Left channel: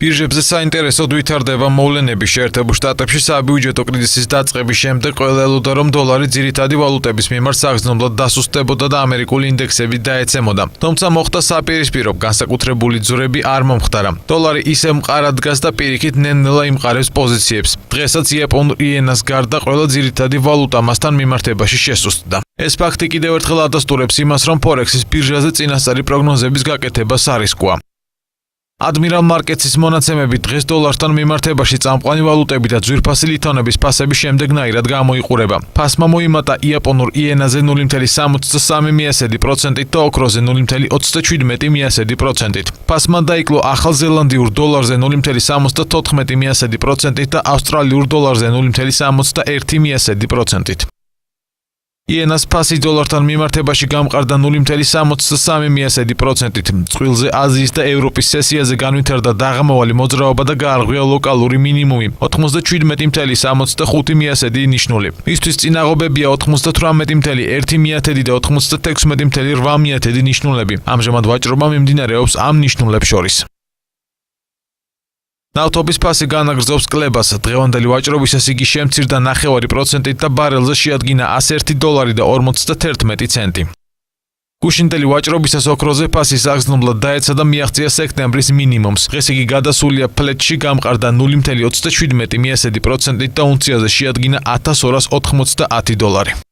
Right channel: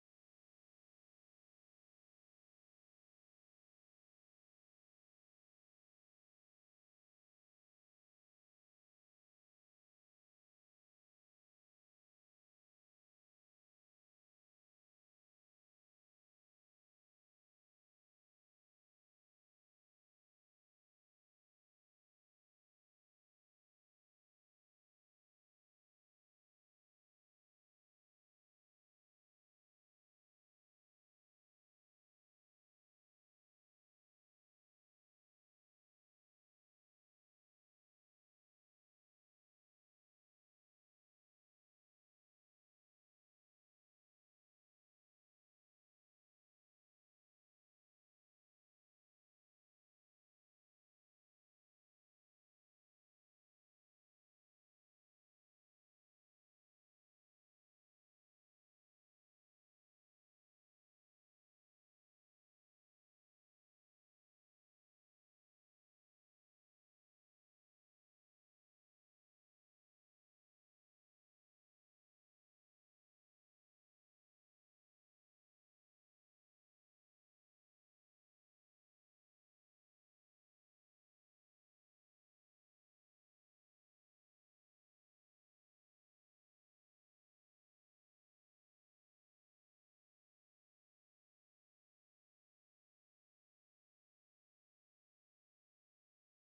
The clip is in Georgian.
ბირჟებზე საინტერესოდ ვითარდება მოვლენები შეერთებულ შტატებში საბიუჯეტო კრიზისის დაწყების შემდეგ ყველა ელოდა, რომ დოლარი ძირითადი ვალუტების მიმართ საგრძნობლად დასუსტებოდა და ამერიკული ინდექსები დაეცემოდა. თუმცა მოხდა საპირისპირო, განსაკუთრებული ძვრები არ მომხდარა. დოლარი ისევ მყარად დგას და პირიქით ნელ-ნელა იმყარებს პოზიციებს. დღესაც იაპონურ იენას გარდა ყველა ძირითადი ვალუტა მასთან მიმართებაში შესუსტდა. ეს ფაქტი კიდევ ერთხელ ადასტურებს იმას, რომ ფორექსის ბირჟაზე წინასწარი პროგნოზების გაკეთება სარისკოა. Admiral Markets-ის მონაცემები დღეს დოლართან მიმართებაში წამყვანი ვალუტები და ძვირფასი ლითონების ფასები შემდეგნაირად გამოიყურება. ფასმა მოიმატა იაპონურ იენაზე 0.63% და ოქროზე 0.37%. ფასმა დაიკლო ახალ ზელანდიურ დოლარზე 0.74% და ავსტრალიურ დოლარზე 0.61%. იენას ფასი დოლართან მიმართებაში გამყარდა 0.63%. წყვილზე აზიის და ევროპის სესიაზე განვითარდა დაღამავალი მოძრაობა და გაარღვია ლოკალური მინიმუმი 97.65% ნიშნული. მისთვის წინაღობებია 98.1% და 96.8% ნიშნულები. ამჟამად ვაჭრობა მიმდინარეობს ამ ნიშნულებს შორის. ნავთობის ფასი განაგრძობს კლებას. დღევანდელი ვაჭრობისას იგი შემცირდა 0.5% და ბარელზე შეადგინა $101 და 51 ცენტი. გუშინდელი ვაჭრობისას ოქროზე ფასი საგრძნობლად დაეცა და მიაღწია სექტემბრის მინიმუმს. დღეს იგი გადასულია ფლეტში, გამყარდა 0.27% და უნციაზე შეადგინა $1290.